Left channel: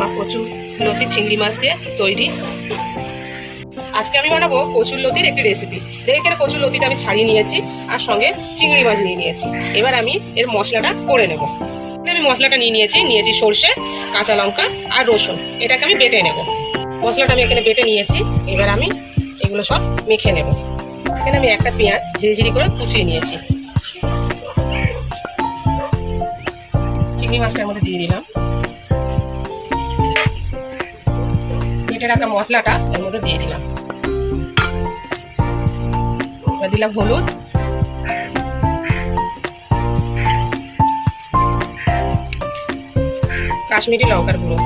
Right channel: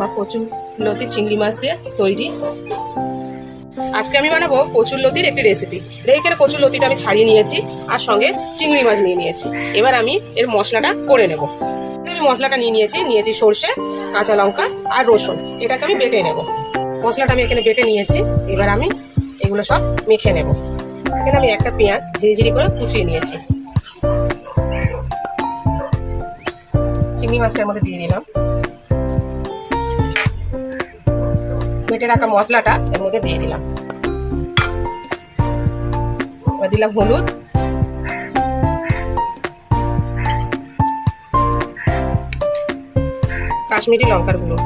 আমার কচুর লতি চিংড়ি মাছ দিয়ে তৈরি। আজকে আমি বানাবো কচুর লতির একটি রেসিপি। এখানে কচুর লতিটা আমি ছাড়িয়ে নিয়েছি আর সঙ্গে চিংড়ি মাছ নিয়ে নিয়েছি। এবার আমি এর মশলাটা করে নেব। আমি মশলাটা নিয়েছি সর্ষে, কাঁচা লঙ্কা আর রসুন। এটাকে আমি বেটে নেব। মশলাটা আমি এখানে বেটে নিয়েছি। এবার আমি এগুলো সব মেখে নেব। এখানে আমি একটা পেঁয়াজ ঝিরিঝিরি করে কুচিয়ে নিয়েছি। চিংড়ি মাছটার মধ্যে দিয়ে দিলাম। বেটে রাখা মশলাটা এর মধ্যে দিয়ে দিলাম। এবার দিলাম হলুদ, কাশ্মীরি লঙ্কার গুঁড়ো,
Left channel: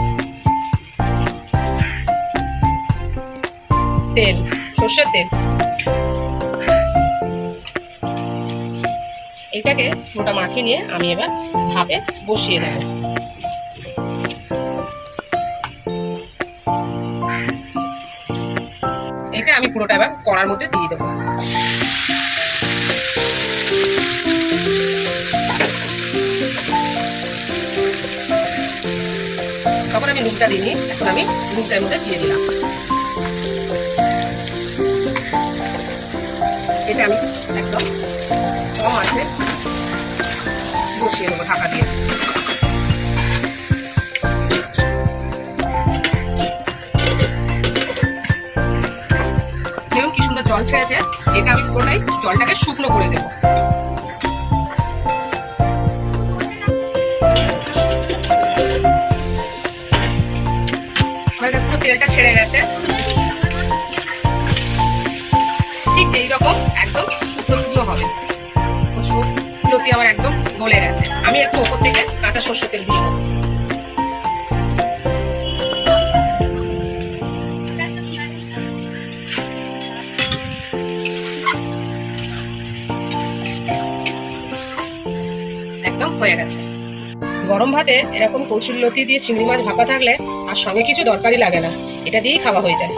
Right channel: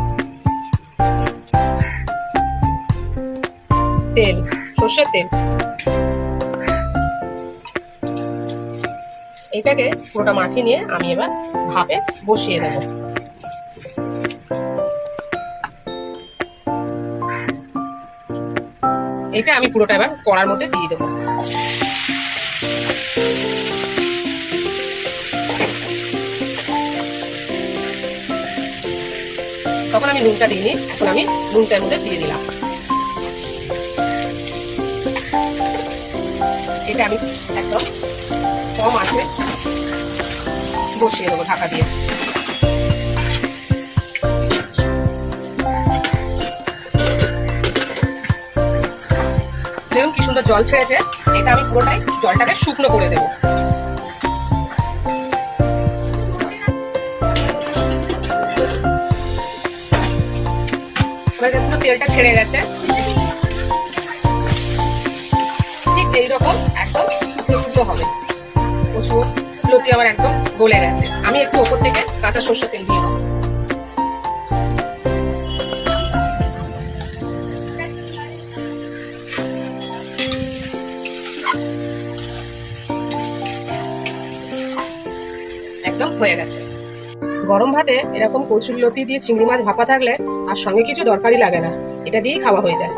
তেল, সর্ষের তেল। এটাকে পুরোটা মাখিয়ে নিয়ে আমি এবার ভাপে বসিয়ে দেব। এটা আমি পুরোটা এবার কড়ার মধ্যে দিয়ে দেবো। তখন আমি নুনটা দিইনি, এখন আমি নুনটার মধ্যে দিয়ে দিলাম। এটা আমি একদম কম আছে বসিয়ে দেবো ঢাকা দিয়ে। দেখুন কি সুন্দর জল ছেড়েছে। এটা আমি পুরোটাই জলটাকে শুকনো করে দেবো। পুরো তেলটা ছেড়ে গেছে। ঠিক এইরকম একদম শুকনো শুকনো হবে। কচুর লতি আমার একদম গলে গেছে। আমি একটু ওপর থেকে কাঁচা সর্ষের তেল দিয়ে দেবো। একদম হয়ে গেছে। গরম ভাতে এরকম কচুর লতি দিয়ে চিংড়ি মাছ ভাপা থাকলে আর সঙ্গে কিছু দরকারই লাগে না, এটা দিয়েই খাওয়া হয়ে যায়।